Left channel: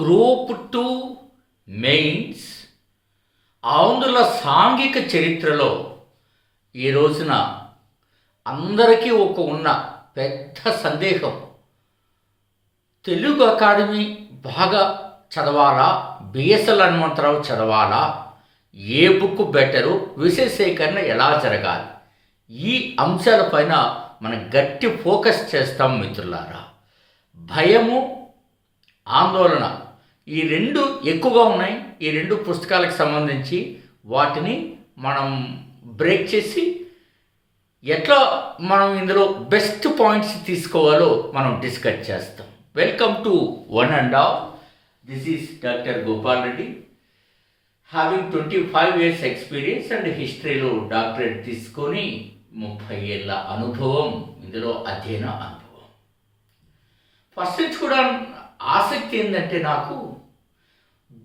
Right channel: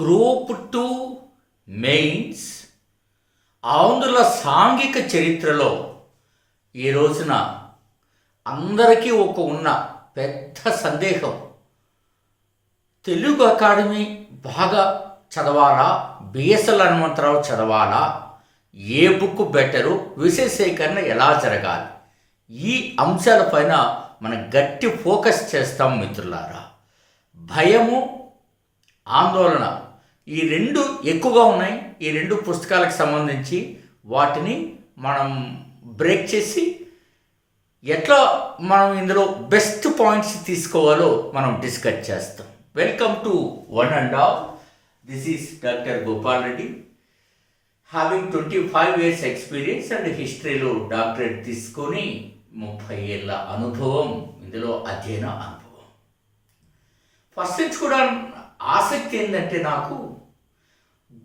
Group 2 mains ఆంధ్రుల సాంఘిక చరిత్రలో ఈ రోజున అందరికీ ఉన్న పెద్ద సందేహం, తెలుగు అకాడమీ బాగా చదవాలా, బిఎస్ఎల్ హనుమంతరావు చదవాలా, ఏ బుక్ బెటరు, విషయ సేకరణ ఎలా జరగాలి, ఈ అంశాలపైన మనం గట్టి ఫోకస్ చేస్తాం మిత్రులారా. భయము, ఆందోళన ఈ రెండు ఎక్కువగా ఉన్నాయి. ఈ రెండు పుస్తకాలకు సంబంధించి వాటిని మనం బ్రేక్ చేసి ఎట్లా మనం ఇందులో బెస్ట్ పాయింట్స్ తీసుకోవాలో మనం డిస్కస్ చేస్తాం. Welcome to one and all. This is doctor Gopal Reddy, having 25 years experience and హిస్టరీలో డాక్టరేట్ తీసుకొని 30 ఏళ్ళ అనుభవం, ఇందులో అధ్యయన అనుభవం. ఫస్ట్ నుంచి కూడా ఆసక్తి ఏంటంటే, నాకు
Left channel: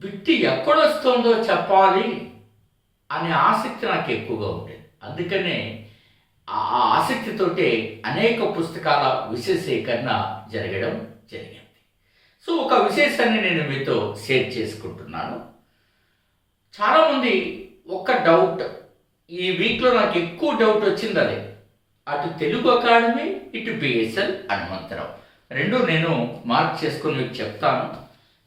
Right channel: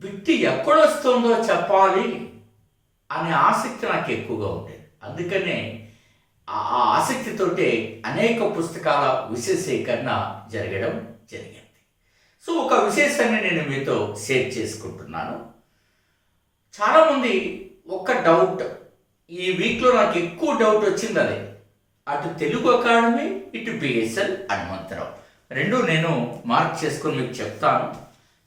బిట్టి ఎక్కడొస్తుందో చెప్పాలి అనే ఆసక్తి నాకు ఎక్కువగా ఉండేది. అందుకనే ఆ ఆసక్తితోటే అనేక పుస్తకాల విషయ సేకరణ జరగడం జరిగింది. సో ఒక విశేషాన్ని నేను మీతో షేర్ చేసుకుంటున్నాను. చాలామంది ఒక్క డౌట్, ఈ వీక్లో నాకు ఎక్కువ డౌట్ వచ్చింది. అదే అటు తెలుగు అకాడమీ, ఇటు బిఎస్ఎల్ హనుమంతరావు రెండు నేను మార్క్ చేసుకొని మీకు చెప్తాను.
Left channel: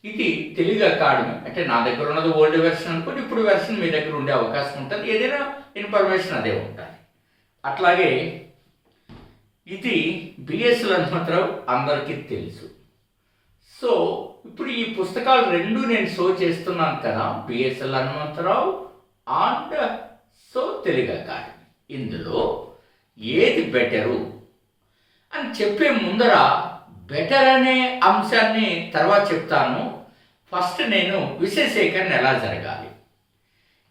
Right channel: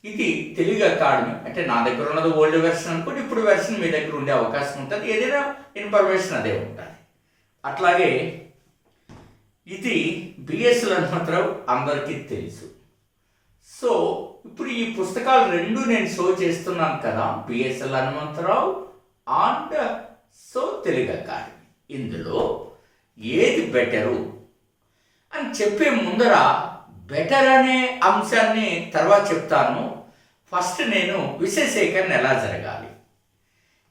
ఇది తెలుగు అకాడమీ అంటే నా దగ్గర ఉన్నది ఓల్డ్ వెర్షన్ అనుకోండి, ఇప్పుడు వెర్షన్ మీ దగ్గర ఉండే అవకాశం ఉంటుంది. ఏదైనా ఇన్ఫర్మేషన్ అదే ఉంటుంది. అట్లాగే ఇది బిఎస్ఎల్ హనుమంతరావు అందరికీ తెలుసు. సో ఇప్పుడు ఈ పుస్తకాలు రెండు నేను షో చేస్తున్నాను కదా, BSL Hanumantharao and Telugu academy. ఇందులో ఏది బెటరు అని చెప్పే ముందర బెటర్ అనే అంశాన్ని తర్వాత చెప్తాను. ఫస్ట్ నేను విషయ సేకరణ ఎలా జరగాలి,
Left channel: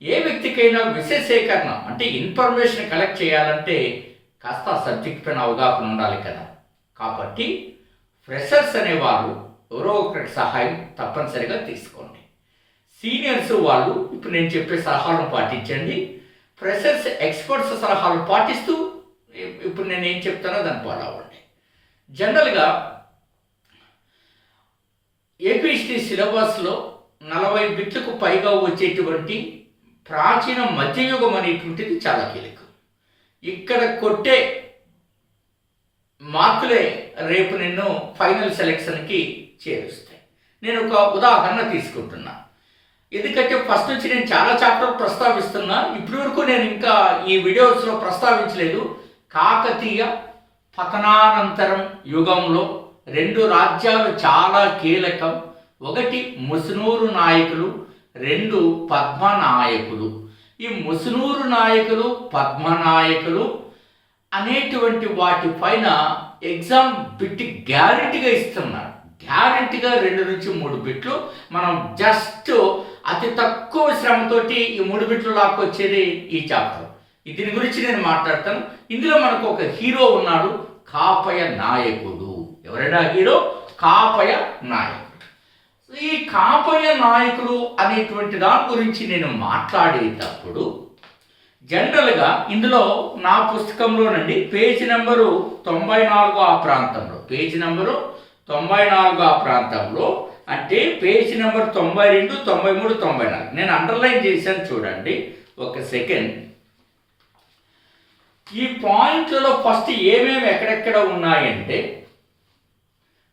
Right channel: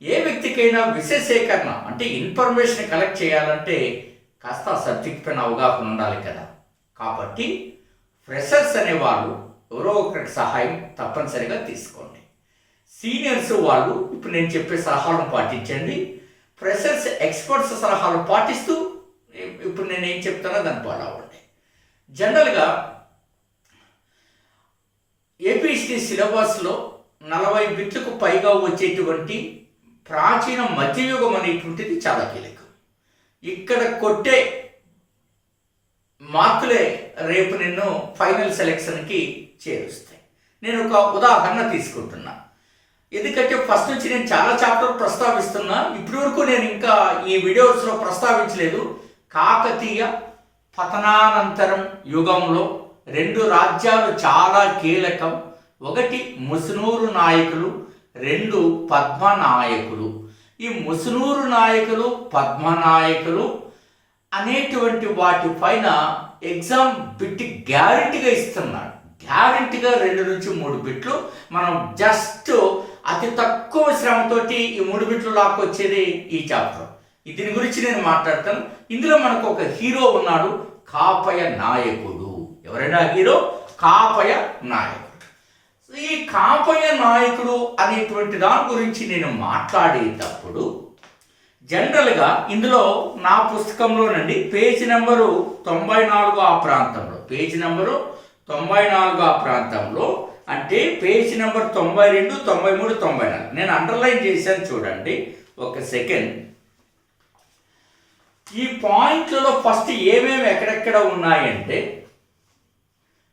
ఏ వ్యక్తికైనా విషయ సేకరణ అంటే ఇన్ఫర్మేషన్ కలెక్ట్ చేయాలంటే కాస్త సబ్జెక్ట్ పైన అవగాహన ఉండాలి కదా. కాబట్టి ఫ్రెషర్స్ అనేవాళ్ళు ఎవరో ఒకరికి సహాయం తప్పనిసరిగా తీసుకోండి. సీనియర్స్ వాళ్ళు ఇప్పుడు నేను చెప్పే సలహాలను పాటించండి. ఫ్రెషర్స్ ఎక్స్పర్ట్స్ సలహాలు పాటిస్తూ ఇప్పుడు నేను ఏం చెప్తానో దాన్ని ఫాలో అవ్వండి. జనరల్గా ఏపీఎస్టీ సిలబస్లో 40 బిట్లకు పైగా వచ్చేటువంటి ప్రాచీన మధ్యయుగం అనేటువంటిది చాలా కీలకం. ఇక్కడ కొట్టే మార్కులే రేపు నిన్ను ఫైనల్ సెలెక్షన్కి చేరుస్తాయి. నేను ఒక ఉదాహరణ తీసుకుంటున్నా, ఎందుకంటే ఫస్ట్ నుంచి నేను చాలా చాప్టర్ ప్రస్తావిస్తున్నా. ఇప్పటి వరకు నేను ఇంకా ఈ వీడియోస్లో ప్రస్తావించలేదు. కాకతీయ పతనానంతరం యుగంలో 2 రాజ్యాలు చాలా కీలకం. ఒకటి ముసునూరు నాయకులు, 2 పద్మనాయకులు. ఈ ముసునూరు నాయకులు, పద్మనాయకులు అనేటువంటి వాటిపైన ఎగ్జామ్ బిట్ గ్యారెంటీగా ఇస్తున్నారు. గ్యారెంటీగా 2 నుంచి 3 బిట్లు మనం జస్ట్ అతి తక్కువ శ్రమతోటి ఈ 3 బిట్లు లాక్కొచ్చేది ఈ చాప్టర్. దీని గురించి నేను మాట్లాడతాను. ఇందులో మనకు ఒక హీరో ఉన్నాడు, కాపయ నాయకుడు. ఎవరైనా హీరో? కాపయ నాయకుడు. ఈ కాపయ నాయకుడు అనేటువంటి దాని గురించి నేను మాట్లాడేటప్పుడు జనరల్గా ఇందులో నా పుస్తకంలోనండి పేజీ నెంబరు 94 ఆ ప్రాంతంలో, పేజీ నెంబరు 94 ఆ ప్రాంతంలో అంటే పేజీ నెంబర్ 92, 93, 94 నేను అండర్లైన్ చేశాను. చూడండి ఒక సెకండ్. ఈ పాయింట్లలో ఫస్ట్ ఏమేమి ఎక్కడెక్కడ ఉన్నాయంటే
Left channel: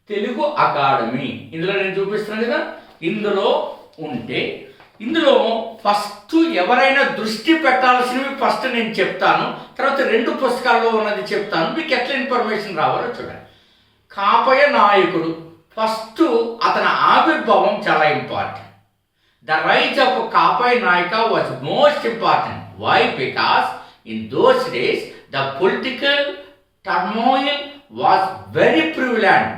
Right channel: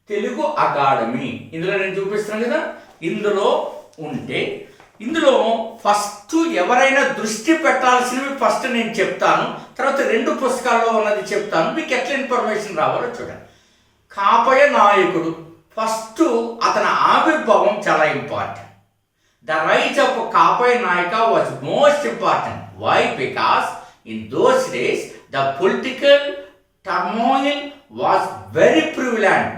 తెలుగు అకాడమీ ఇందులో నేను చూపిస్తున్నాను కదా, ఇందులో ఉంటే ఇందులో ఫస్ట్ ఎవరైనా దృష్టి పెట్టాల్సినవి ఫస్ట్ నేను చెప్తాను. తర్వాత 2 పుస్తకాల్లో ఉన్నది చెప్తాను. మీకు ఎట్లా ఇన్ఫర్మేషన్ రావాలో చూడండి. కాపయ నాయకుడు ఫస్ట్, అతని ఆవిర్భావం చాలా important. The rise of Kapaya Nayaka was most important. Why? Because in those days the political turmoil was very prevalent.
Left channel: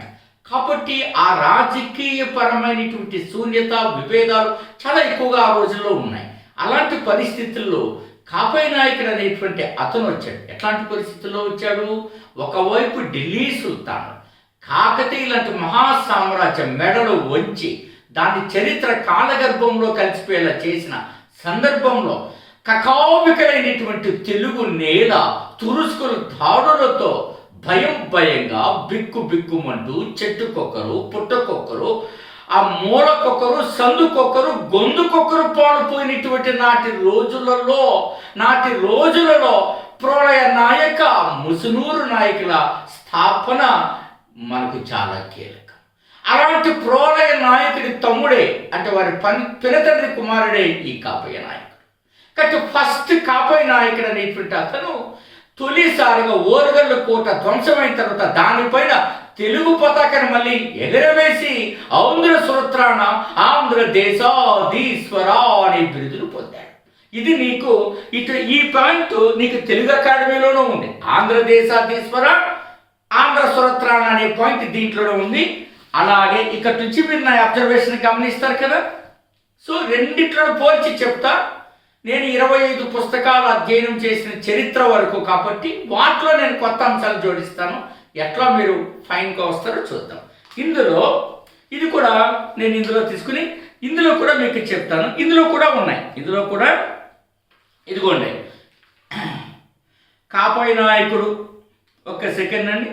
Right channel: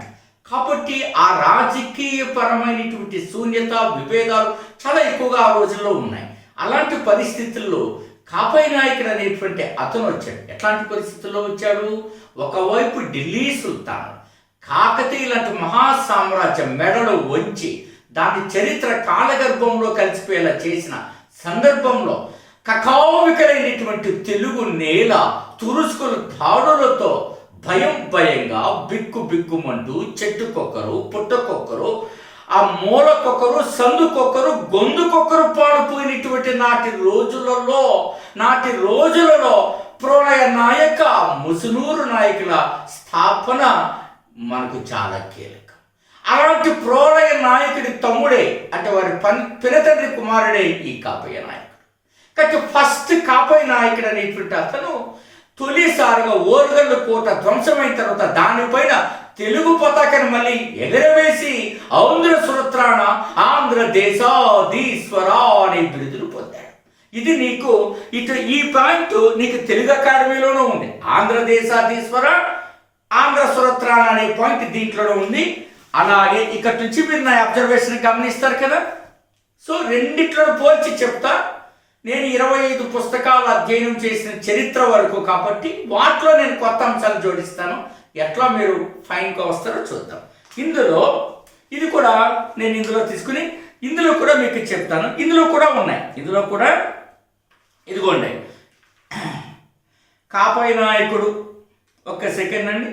కాబట్టి ఆ రాజకీయ పరమైనటువంటి శూన్యత, విభేదాలు చాలా ఎక్కువగా ఆ రోజుల్లో ఉన్నాయి. అలాంటి పరిస్థితుల్లో కాపయ నాయకుడు అనేటువంటి అతను వచ్చాడు. ఎట్లాంటి పరిస్థితుల్లో వచ్చాడు? ఒకవైపు ఢిల్లీ సుల్తాన్ కాకతీయ లాంటి మహాసామ్రాజ్యం మెడలు వంచి దాని చరిత్ర కాలగర్భంలో కలిసిపోయేలా చేసిన సందర్భంలో కకావికలైనటువంటి తెలుగు నేల తురుస్కుల దాడులతో భయంగా బిక్కుమంటూ చెట్టుకొక్కరు పుట్టకొక్కరు ఆ మూలకొకరు, సందుకొకరు, గొంతుకొకరు పాడుపోయినటువంటి నాటి రోజులలో ప్రళయ నాయక ముసునూరు నాయకుల స్థాపన మనకు చాలా కీలకం. అలాంటి ప్రళయ నాయకుడి తమ్ముడే, అంటే వారి పినతండ్రి కుమారుడే ఈ కాపయ్య నాయకుడు. కాబట్టి ఫస్ట్ కాపయ్య నాయకుడు అనేటువంటి అతను తొలిసారిగా ఓరుగల్లు కోట ధ్వంసమైన తర్వాత దానిపైన తెలుగు పతాకాన్ని మళ్ళీ ఎగరవేసి ఆంధ్ర సురత్రాణ ఆంధ్రదేశాధీశ్వర అనే బిరుదులు పొందాడు. ఇది నీకు ఈ పాయింట్ నీకు తెలుగు అకాడమీలోనూ ఉంది. ఆంధ్రదేశాధీశ్వర, ఆంధ్ర సురత్రాణ అనే పాయింట్ దీంట్లోనే ఉంది. అలాగే ఇక్కడ నుంచి మీరు నా అబ్జర్వేషన్ గమనిస్తారు కదా. సో రెండిట్లో పోల్చి చెప్తా. నేను 25 పుస్తకాలు అధ్యయనం చేసిన చరిత్ర వరకు కాబట్టి వాటిలో నేను కొత్త అంశాలు జోడిస్తాను. ఎట్లా మీరు ఫైన్గా వస్తారో చూద్దాం. ఇందులో ఇది కూడా నేను ఇందులో తీసుకుని ఇందులో కూడా మీకు చెప్తాను. ఇందులో కూడా ఉన్నాయి. ఇందులో కూడా ఇదిగోండి, కాపయ్య నాయకుడు. ఒక్క సెకండ్ అండి.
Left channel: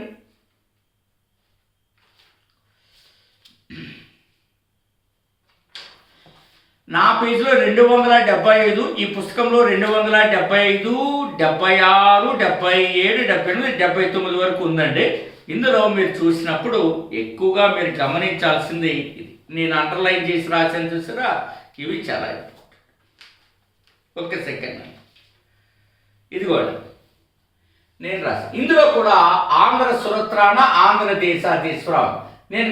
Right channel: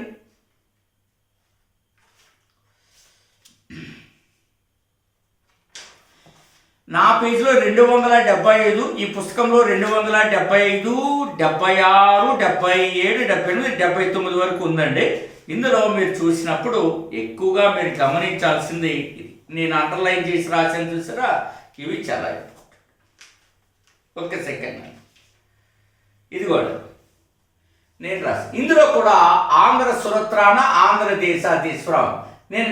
నా పేజీలో 275, ఈ పుస్తకంలో 275, 76, 77, 78, 79 వరకు ఉందండి. ఇందులో మీరు చూసినప్పుడు ఎక్కువగా మీరు గమనించాల్సింది ఇది. నేను అండర్లైన్ చేసి రాశాను చూసారా, ఇవి చాలా ఇంపార్టెంట్. ఒక్క సెకండ్ అండి. ఇదిగోండి నేను రాశాను. ఇందులో కూడా ఆంధ్ర సురత్రాణ ఆంధ్రదేశాధీశ్వరం నేను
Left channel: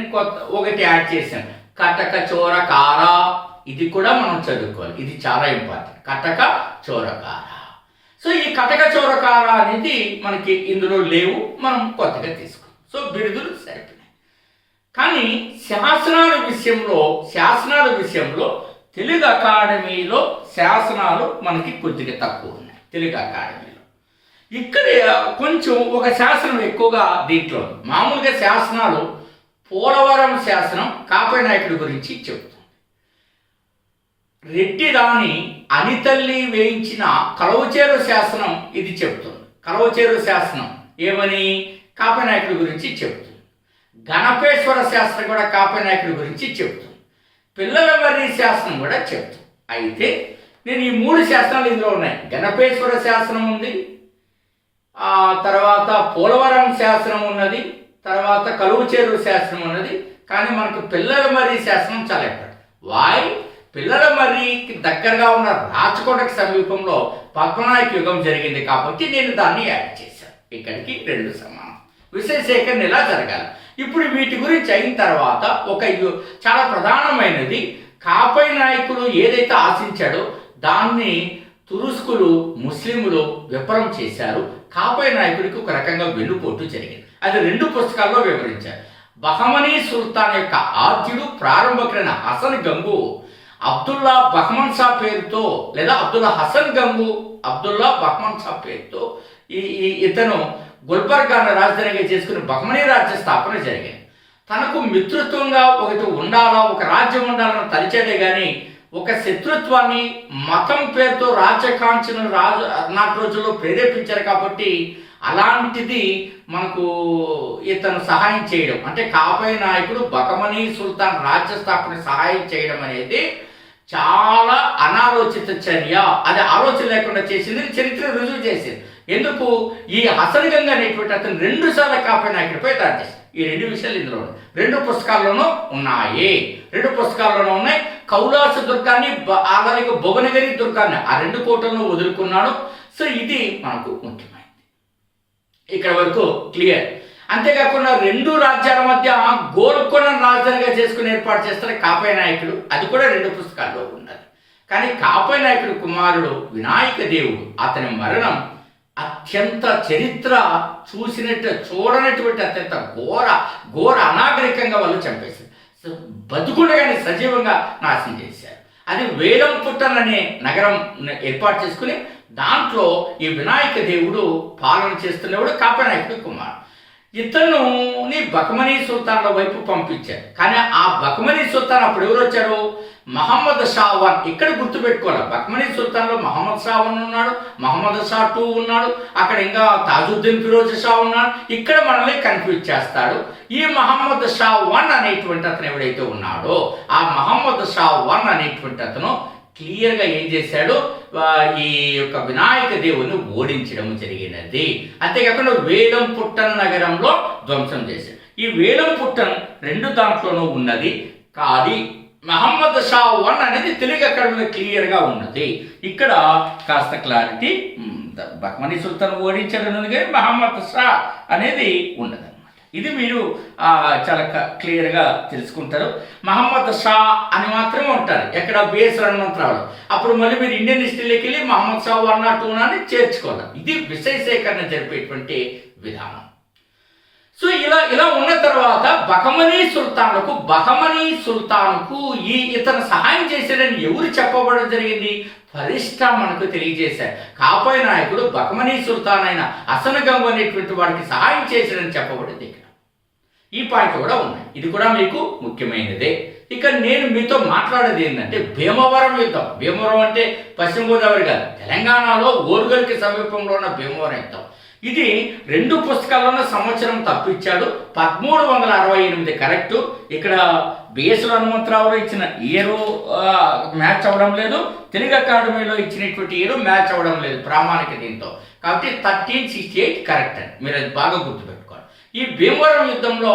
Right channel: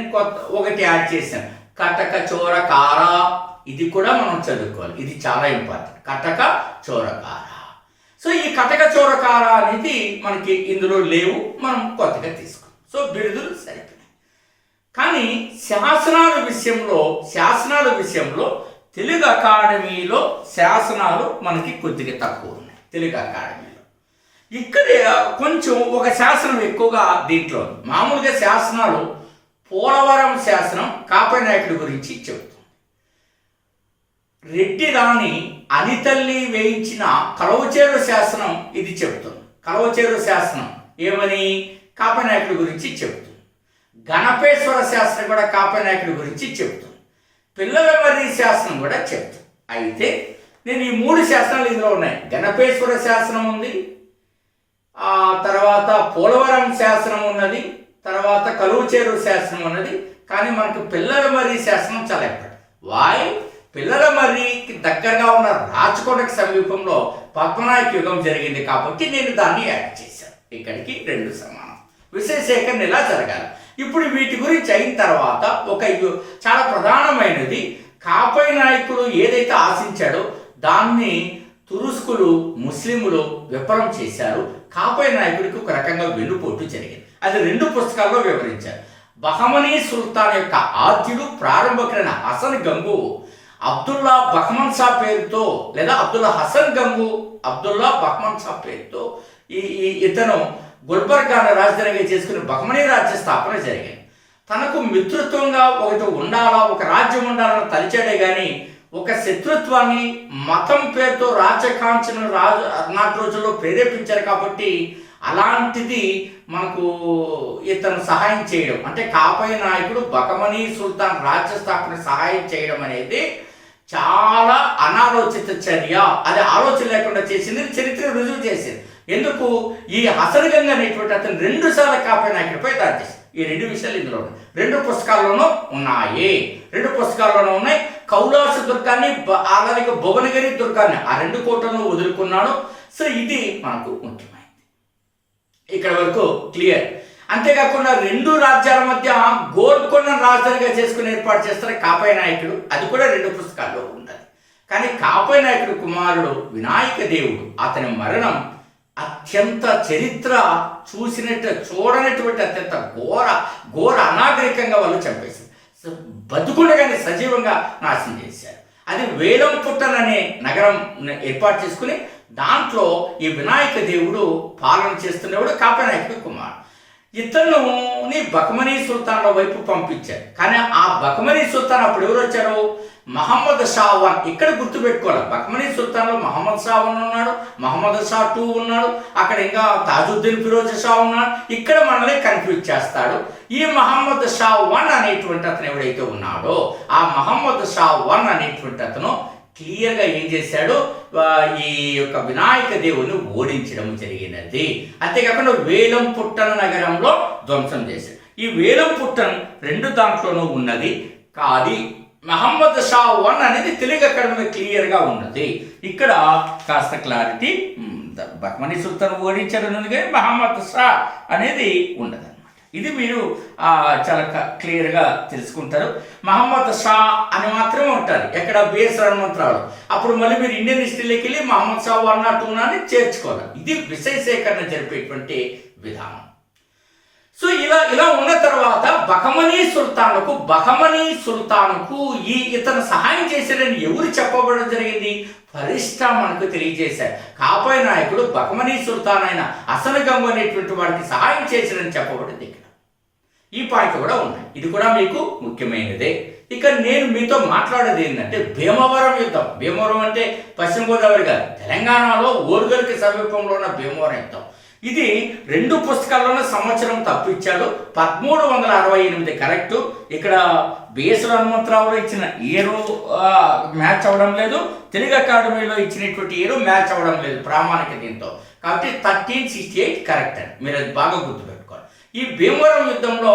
ఒకటి యాడ్ చేశాను. కటక చోరకార, ఇది కూడా మనం చదువుకోవాలి. ఇది చాలా ఇంపార్టెంట్. కటక చోరకార. సో ఈ కటక చోరకార అనేది మనకి ఇందులో లేవు, మనం కొత్తగా తీసుకున్నాం. సో బిరుదులు సరిపోయినాయి. కానీ శాసనాల విషయంలో తెలుగు అకాడమీలో శాసనాలు మనకి కొద్దిగా తక్కువ ఉన్నాయి. తెలుగు అకాడమీలో ఇక్కడ కొంచెం ఒక శాసనం ఎక్కువగా దీంట్లో ఉంది. మామూలుగా శాసనాలు పోలవరం శాసనం కాపయ్య నాయకుడి గురించి చెబుతుంది. రెడ్డి రాణి అనితల్లి వేయించిన కలవచేరు శాసనం ఇది చెబుతుంది. కలవచేరు శాసనం ఏమని కాపయ్య నాయకుడి గురించి చెబుతుంది. గణపేశ్వర శాసనం కూడా కాపయ్య నాయకుడి గురించి చెబుతుంది. పిల్లల మర్రి శాసనం కూడా చెబుతుంది. అయితే నేను ఈ 3 శాసనాలు ఇందులో ఉన్నాయి. గణపేశ్వర శాసనం ఉంది, తర్వాత పోలవరం శాసనం ఉన్నది, తర్వాత కలువచేరు శాసనం ఉన్నది. కానీ మనకు పిల్లల మర్రి శాసనం చాలా ఇంపార్టెంట్. వాయ్ పిల్లల మర్రికి దగ్గరగా ఉన్న రాచకోటకు సమీపంలో పద్మనాయక యుగం జరిగింది కాబట్టి నేను దాన్ని యాడ్ చేశాను. ఇక్కడికి 2 సమానం. విషయ సేకరణ ఇలా జరగాలి. ఇప్పుడు వీటి గురించి అయిన తర్వాత చాలా ప్రధానమైనది, కాపయ్య నాయకుడు ఏదైతే ఆశించాడో దాన్ని తురుస్కులు, ముస్లింలు విఫలం చేశారు. కాపయ్య నాయకుడికి ఒక రకంగా వెన్నుపోటు జరిగింది. అది 2 పుస్తకాల్లో వివరించారు. బహమనీ సుల్తాన్ యొక్క ఆద్యుడు ప్రారంభకుడైన హసన్ గంగు అబ్దుల్లా బహ్మన్ షా పేరుతో, లేదా అబ్దుల్లా హసన్ గంగు అబ్దుల్లా బహ్మన్ షా పేరుతో ఇతను గుల్బర్గాను రాజధానిగా చేసుకుని బహ్మనీ రాజ్య స్థాపన జరిగింది. తనకు మిత్రత్వంగా ఒక రాజ్యం ఉండాలని తలిచాడే కానీ ఒక శత్రుత్వాన్ని మతం పేరుతో రాజ్యకాంక్షను నాటి రోజుల్లో ప్రేరేపించారు. కాబట్టి అలాంటిది మనకు ఇతను సహాయం చేయడం, అంటే కాపయ్య నాయకుడు బహమనీ సుల్తాన్ రాజ్య స్థాపన సహాయం చేయడం అనేది చాలా అనాలోచిత చర్య. అది ఆలోచన లేకుండా చేసింది, చరిత్ర రుజువు చేసింది. ఎందుకు ఈ హసన్ గంగ్ అనేటువంటి అతను 2 సార్లు కాపయ్య నాయకుడిపై దాడి చేశారు. ఈ 2 విషయాలు ఇందులో ఉన్నాయి. 2 పుస్తకాల్లోనూ ఉన్నాయి. 2 పుస్తకాల్లోనూ ఉన్నాయి. కౌలాస దుర్గాన్ని, అలాగే భువనగిరి దుర్గాన్ని, ఆ 2 కోటలను వదులుకున్నాడు. సో ఇది మనకు ముఖ్యమైనది. ఇక్కడ వరకు క్లియర్. అంతేకాకుండా 2 రాజ్యాల మధ్య గోల్కొండను రాజధానిగా చేసుకుని ఏర్పాటు చేస్తారు కాపయ్య నాయకుడు. అది కూడా 2 పుస్తకాల్లో ఉన్నది. కానీ కాపయ్య నాయకుడు కుమారుడు వినాయక దేవుడు, అతని మరణం అత్యంత చరిత్ర చూడనటువంటి అత్యంత ఘోర అనాగరికంగా వాళ్ళు చంపేశారు. బతుకుండగానే సజీవంగా నాశనం చేశారు. అది వేలంపుట్టన్ అనే నగరం ఏర్పాటు చేసుకుని దాంట్లో ఈ వినాయక దేవుడు పాలన చేస్తున్నవాడు కాపయ్య నాయకుడు కుమారుడు. ఇతనుని బకమనీ సుల్తాన్ల వైపు పంపించారు. కానీ ఆ బకమనీ సుల్తాన్ అప్పుడు ఎవరు వచ్చారు? మహమ్మద్ షా వన్. ఇక్కడ గుర్తుపెట్టుకోవాలి, బకమనీ సుల్తాన్లో మహమ్మద్ షా వన్ ఉన్నాడు, మహమ్మద్ షా టూ ఉన్నాడు, అక్కడ ఇంకా తాజుద్దీన్ ఫిరోజ్ షా ఉన్నాడు. ఇక్కడ మనల్ని కన్ఫ్యూజ్ చేస్తాడు. ఈ మహమ్మద్ షా వన్ అనేటువంటి అతను ఎవడైతే ఉన్నాడో, ఆ మహమ్మద్ షా వన్ అనేటువంటి అతను క్లియర్గా ఏం చేశాడు? ఈ యొక్క వినాయక దేవుని ఓడించడం జరిగినది. అంతేకాకుండా వేలం పుట్టన నగరంలో ధ్వంసం చేశాడు. ఈ వేలం పుట్టన్ 2 దాంట్లోనూ ఉన్నది. కానీ మహమ్మద్ షా వన్ అనేది తెలుగు అకాడమీలో క్లియర్గా ఉన్నది. ఇక్కడ కాస్త క్లారిటీ, బహ్మనీ సుల్తాన్ ఓడించడం కానీ మహమ్మద్ షా అనేది ఉండదు. ఇది మీరు చాలా క్లియర్గా తెలుసుకుంటారు. మహమ్మద్ షా అని మాత్రమే ఉంటారు ఎక్కడ బిఎస్ హనుమంతరావు. అప్పుడు మళ్ళీ మీరు ఇండియన్ హిస్టరీలోకి వెళ్ళి మహమ్మద్ షా 1 2 అని చేర్చుకోవాలి. ఇది విషయ సేకరణ జరిపేటువంటి విధానం. సో ఇలా ఉన్న తర్వాత బహమనీ సుల్తానుకు ఇతను సహాయం చేశాడని ఎవరు చెప్పబడడం జరిగింది? ఫరిష్టా మనకు తెలియజేశారు. కాపాయ నాయకుడు బహమనీ సుల్తాన్ అయిన హసన్ గంగు అనేటువంటి వాడికి సహాయం చేశాడని చెప్పబడింది. ఇక్కడ ఈ పాయింట్ కూడా ఉన్నాయి. ఇది కూడా మీకు ముఖ్యమైనదే. ఇక నేను మీతో మాట్లాడేది ఏంటంటే భీమవరం యుద్ధం. భీమవరం అంటే పశ్చిమ గోదావరి కాదు, తెలంగాణలో ఓరుగల్కి సమీపంలో ఉన్న భీమవరం యుద్ధం. ఇది 2 పుస్తకాల్లోనే సంవత్సరం తప్పించాడు. 1368 కరెక్టు. ఇక్కడ బిఎస్ హనుమంతరావులో ఇచ్చిన ఇయరు మ్యాచ్ అవ్వడం లేదు, తెలుగు అకాడమీలో ఇచ్చినటువంటి ఇయరు మ్యాచ్ అవ్వడం లేదు ప్రామాణిక దీంతో. కాబట్టి 1368 కరెక్ట్ అని మీరు అది బాగా గుర్తుపెట్టుకోవాలి. ఈ భీమవరం యుద్ధంలో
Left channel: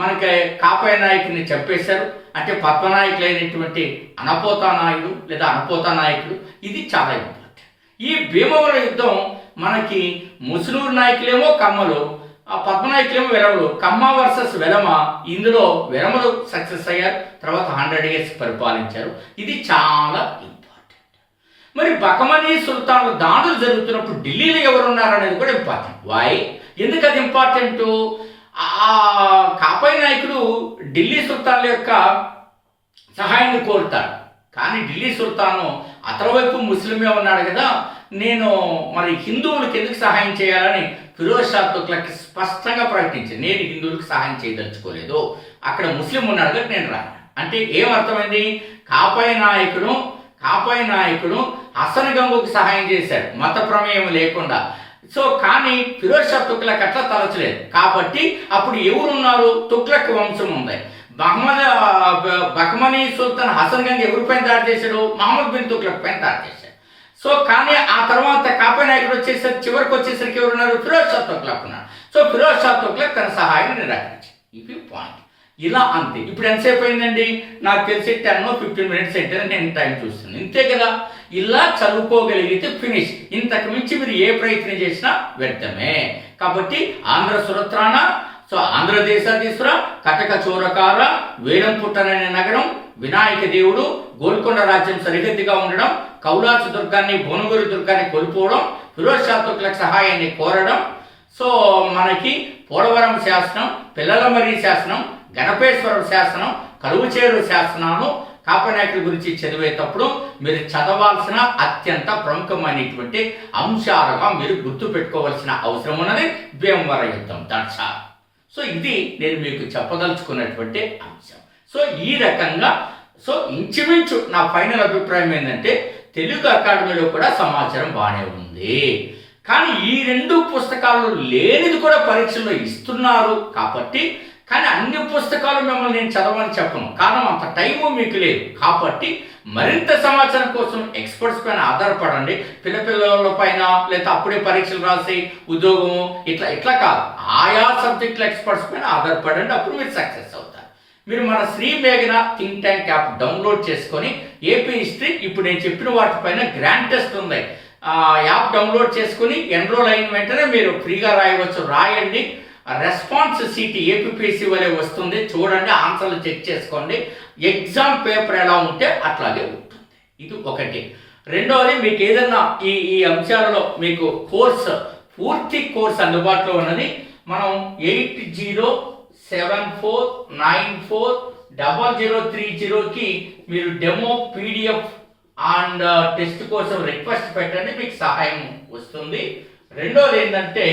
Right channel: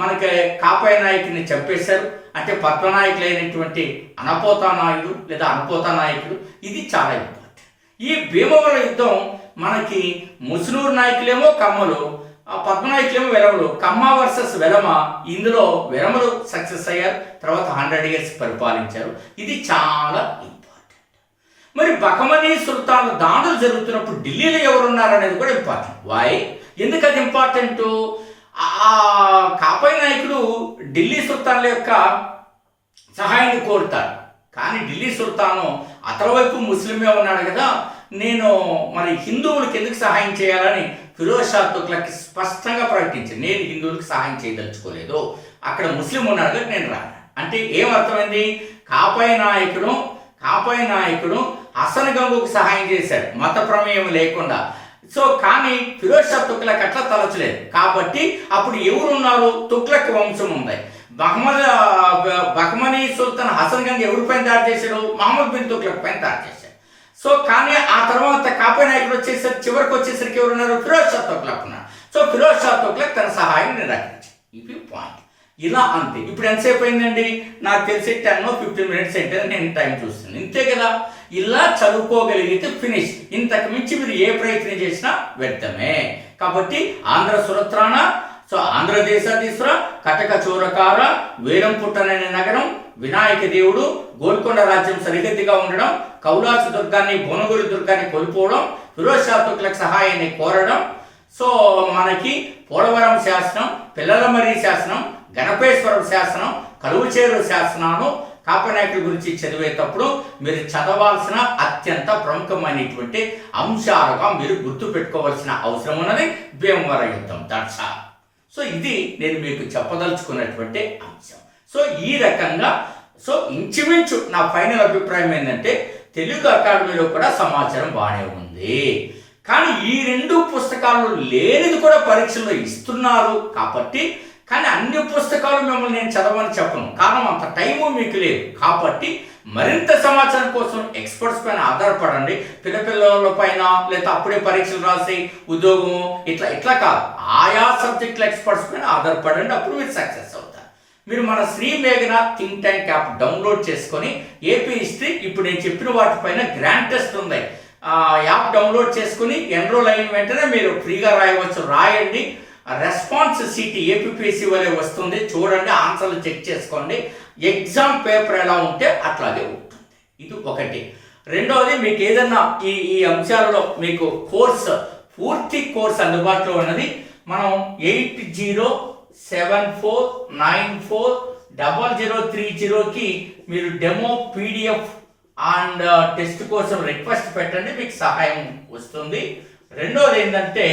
మనకి కాపాయ నాయకుడిని చంపేశారు. అంటే పద్మనాయకులైనటువంటి అనపోతా నాయుడు లేదా అనపోతా నాయకుడు. ఇది చాలా ఇంపార్టెంట్. ఈ భీమవరం యుద్ధం మనకి ముసునూరు నాయకులేమో కమ్మలు, పద్మనాయకులేమో వెలమలు. కమ్మ వర్సెస్ వెలమ. ఇందులో వెలమలు సక్సెస్ అయ్యారు. తర్వాత 100 years పరిపాలించారు. ఇది చాలా ఇంపార్టెంట్. మరి బహమనీ సుల్తాన్లు దాడులు జరుగుతున్నప్పుడు ఢిల్లీలో ఎవరున్నారు అనేది కూడా ఇంపార్టెంట్. వై? ఎందుకు అది ఇంపార్టెంట్? కాపాయ నాయకుడు ఢిల్లీ సుల్తాన్ల యొక్క సహాయాన్ని కోరుతాడు. కానీ ఢిల్లీ సుల్తాను అతని వైపు ముస్లిమే ఉన్నాడు కదా, నేను మరి హిందువులకు ఎందుకు సహాయం చేయాలని ఫిరోజ్ షా తుగ్లక్ స్పష్టంగా ప్రకటించాను. నేను హిందువులకు సహాయం చేయదలుచుకోలేదు, అక్కడ ముస్లిం ఉన్నాడు కదా నేను రాను. అంటే ఏమర్థమైంది? కాపాయ నాయకుడు హసన్ గంగుకు సహాయం చేశాడు మత ప్రమేయం లేకుండా. సో కానీ ఫిరోజ్ షా తుగ్లక్ అట్లా తలచలేదు. కాబట్టి అప్పుడు ఎవరున్నారు? తుగ్లక్ వంశం ఉంది. బహమనీ సుల్తాన్ హసన్ గంగ్ ఎవరిపైన దాడి చేశాడు? మహమ్మద్ బిన్ తుగ్లక్ పైన దాడి చేశాడు. సో కానీ ఆ తర్వాత కాపాయ నాయకుడు వచ్చేసరికి చివరికి వచ్చేసరికి ఎవరున్నారు? ఫిరోజ్ షా తుగ్లక్ ఉన్నారు. సో ఫిరోజ్ షా తుగ్లక్ తన సహాయం నిరాకరించాడు. ఇది పాయింట్. ఇలా అంతే. ఇప్పుడు ఎంతసేపు అయిందండి? నాకు తెలిసి 10-15 minutes అయితే నేను టైం చూస్తున్నాను. ఇంతే కదా. ఇలా చదువుకోగలిగితే ఫినిష్. ఇంతకు మించి మీరు ఏ ప్రయత్నం చేసినా వ్యర్థమే. కాబట్టి ఆంధ్ర సురత్రాణ, సో ఆంధ్రదేశాధీశ్వర, కటక చోరకార, వేలం పుట్టననే నగరం, వినాయక దేవుడు, గోల్కొండ రాజ్యం సరిహద్దుగా ఉండడం, కౌలాసు దుర్గాన్ని భువనగిరి దుర్గాన్ని కోల్పోవడం, ఫిరోజ్ షా తుగ్లక్ సహాయాన్ని కోరడం, సో మనకి పోలవరం శాసనం, పిల్లలమర్రి శాసనం, గణపేశ్వరం శాసనం, కలువుచేరు శాసనాలు కాపాయ నాయకుడి గురించి చదివేటప్పుడు మీరు చదవాల్సిన అత్యంత ప్రముఖమైనటువంటి అంశాలుగా మీరు గుర్తుపెట్టుకోవాల్సిన అవసరం ఉన్నది భీమవరం యుద్ధం. That's all. సో ఇది నేను మీకు చెప్పదలుచుకున్నటువంటి అంశం. సో ఈ రకంగా సో ఇంచుమించు నా ఫైనల్ అభిప్రాయం ఏంటంటే తెలుగు అకాడమీలో కూడా సమాచారం బాగానే ఉంది. కానీ ఈ 2 పుస్తకాల్లో లేనిది కూడా పరీక్షల్లో ఇస్తున్నారు. కాబట్టి కానీ అన్ని పుస్తకాలు మిమ్మల్ని నేను చదవని చెప్పను, కారణం అంత టైము మీకు లేదు. కాబట్టి మరింత సమాచారం కోసం ఎక్స్పర్ట్స్ పైన ఆధారపడండి. పిల్లల పైన లేదా అప్పుడే పరీక్షలు రాసి ఉద్యోగము ఇట్లా కాదు, ఆయా సబ్జెక్టుల ఎక్స్పర్ట్స్ పైన ఆధారపడండి. అప్పుడు మీరు సక్సెస్ అవుతారు. మీరు మన శ్రీ మేఘన థింక్ ట్యాంక్ యాప్ డౌన్లోడ్ చేసుకొని ఏపీ హిస్టరీ ఇప్పుడు నేను చెప్పిన వాటిపైన గ్రాండ్ టెస్ట్ ఉంది. యాప్ డౌన్లోడ్ చేసుకుని ఎన్రోల్ అయిన వెంటనే మీరు ఫ్రీగా రాయవచ్చు. రాయండి. రెస్పాన్స్ సీట్ ఏపీపీఎస్సీ వలె వస్తుంది, చూడండి, ఆన్సర్లు చెక్ చేసుకోండి. ఎగ్జామ్ పేపర్ ఎలా ఉంటే అట్లాగే ఉంటుంది. ఇది ఒకటి. రెండవది, మీకు ఏదన్నా ఈ అంశాలలో మీకు పూర్తి కోర్స్ అందుబాటులో ఉన్నది. మనం 8074940030కి మీరు డెమో పీడిఎఫ్ అండ్ టెస్ట్ కోసం రిక్వెస్ట్ పెట్టండి, మీకు సహాయం వస్తుంది. రెండోది ఏంటంటే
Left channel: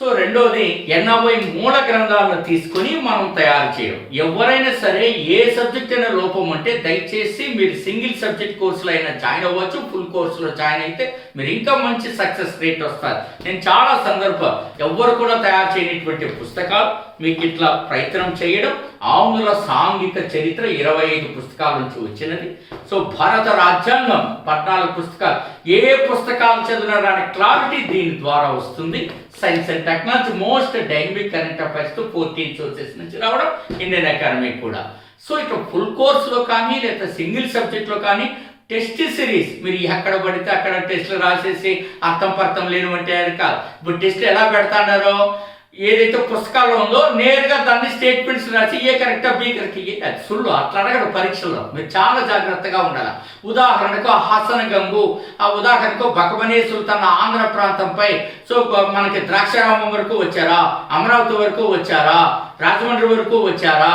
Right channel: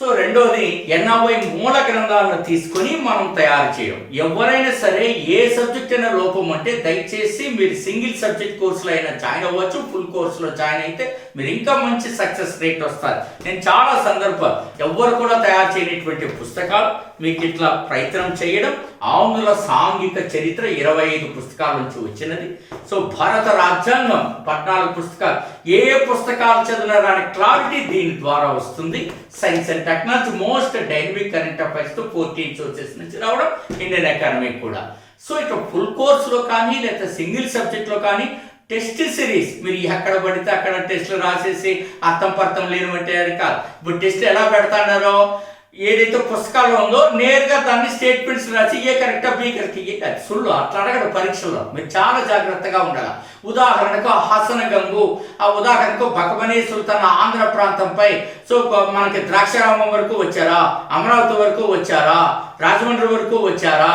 సో రెండోది 80 మూల గ్రంథాలను తీసుకొని మనం తయారు చేయడం. ఎవరైనా సరే ఏ సబ్జెక్ట్ అయినా లోపం అంటే దయచేసి మీరు సింగిల్ సబ్జెక్ట్ కోర్సులో అయినా జాయిన్ అవ్వచ్చు, ఫుల్ కోర్సులో జాయిన్ అయితే మీరు ఇంకా మంచి సక్సెస్ రేట్ వస్తారు. నేను చాలా సందర్భాలు ఎవ్వరు కూడా తయారు చేయనటువంటి పుస్తకాలు మీకు ఇట్లా ప్రయత్నం చేయడం. ఆంధ్ర సాంఘిక చరిత్ర 25 పుస్తకాల నుంచి వచ్చినది. సో భారత రాజ్యాంగం 14 పుస్తకాలు. ఏ పుస్తకాలు చదివినా రాని క్లారిటీ దీని ద్వారా వస్తుంది. Science and technology most dynamic current affairs 14 sources నుంచి రావడం, ఇండియన్ అకాడమీ కూడా. సో ఇట్లా ఫుల్ కోర్సులో కానీ లేదా సింగిల్ సబ్జెక్ట్లో కానీ టెస్ట్ సిరీస్ మీరు ఎక్కడ పడితే అక్కడ టెస్టులు రాసేసి అర్థం పర్థం లేనివంటే కాదు. ఇప్పుడు టెస్ట్ ఎలా పెడతాడారో ఏదైతే పుస్తకాల్లో ఉందో నేరుగా దాన్ని స్టేట్మెంట్స్ రాసి ఏ కరెక్టా బి కరెక్ట్ అది సుళ్ళు అట్లా అడగడు పరీక్షల్లో. మీరు చాలా జాగ్రత్తగా ఉండాలి. ఉదాహరణకు హసన్ గంగు, ఆ ఉదాహరణకు బకమనీ సుల్తాన్ ఆంధ్ర ప్రాంతంపై సో మనకి ద్రాక్షారామం వరకు వచ్చారా, అమరావతి వరకు వచ్చారా, రాజమండ్రి వరకు వచ్చారా,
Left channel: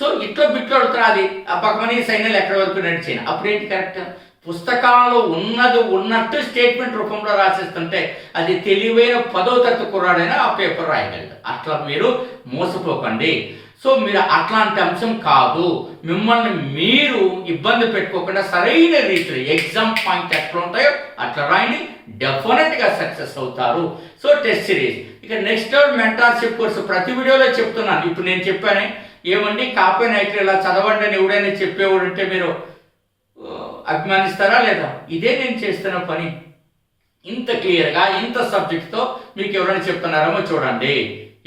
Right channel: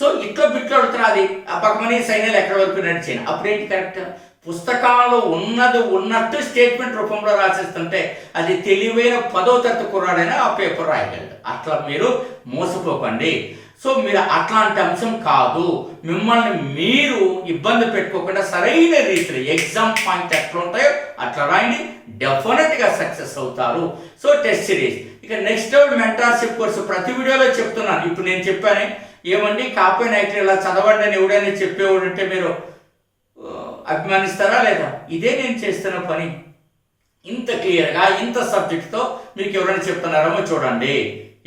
సో ఇట్లా బిట్లు అడుగుతారు. అది ఆ బకమనీ సైన్యాలు ఎక్కడి వరకు నడిచాను అప్పుడేంటి కరెక్ట్. పుస్తకాల్లో ఉన్నది ఉన్నట్టు స్టేట్మెంట్ రూపంలో రాసేస్తుంటే అది తెలివైన 10వ తరగతి కుర్రాడైనా ఆ పేపర్ రాయగలడు. అట్లా మీరు మోసపోకండి. సో మీరు అట్లాంటి అంశం కాదు. మిమ్మల్ని మీరు ఇబ్బంది పెట్టుకోకుండా సరైన రీతిలో ఎగ్జామ్ పాయింట్ ఎట్లా ఉంటాయో అట్లా రాయండి, డెఫినెట్గా సక్సెస్ అవుతారు. So test series. ఇక నెక్స్ట్ మెంటార్షిప్ కోర్సు ప్రతి వీడియోలో చెప్తున్నాను. ఇప్పుడు నేను చెప్పాను ఏమండి కాపీ నైట్ ఇలా చదవండి అని ఎవడైనా చెప్పేవాడు ఉంటే మీరు అభిమానిస్తారా లేదా? ఇదే నేను చేస్తున్న పని. ఇంత క్లియర్గా ఇంత సబ్జెక్ట్తో మీకు ఎవరైనా చెప్తున్నారేమో చూడండి.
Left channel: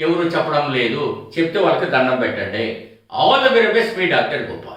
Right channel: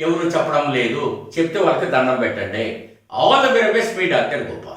ఎవరు చెప్పడం లేదు, చెప్తే వాళ్ళకి దండం పెట్టండి. All the very best, me doctor Gopal.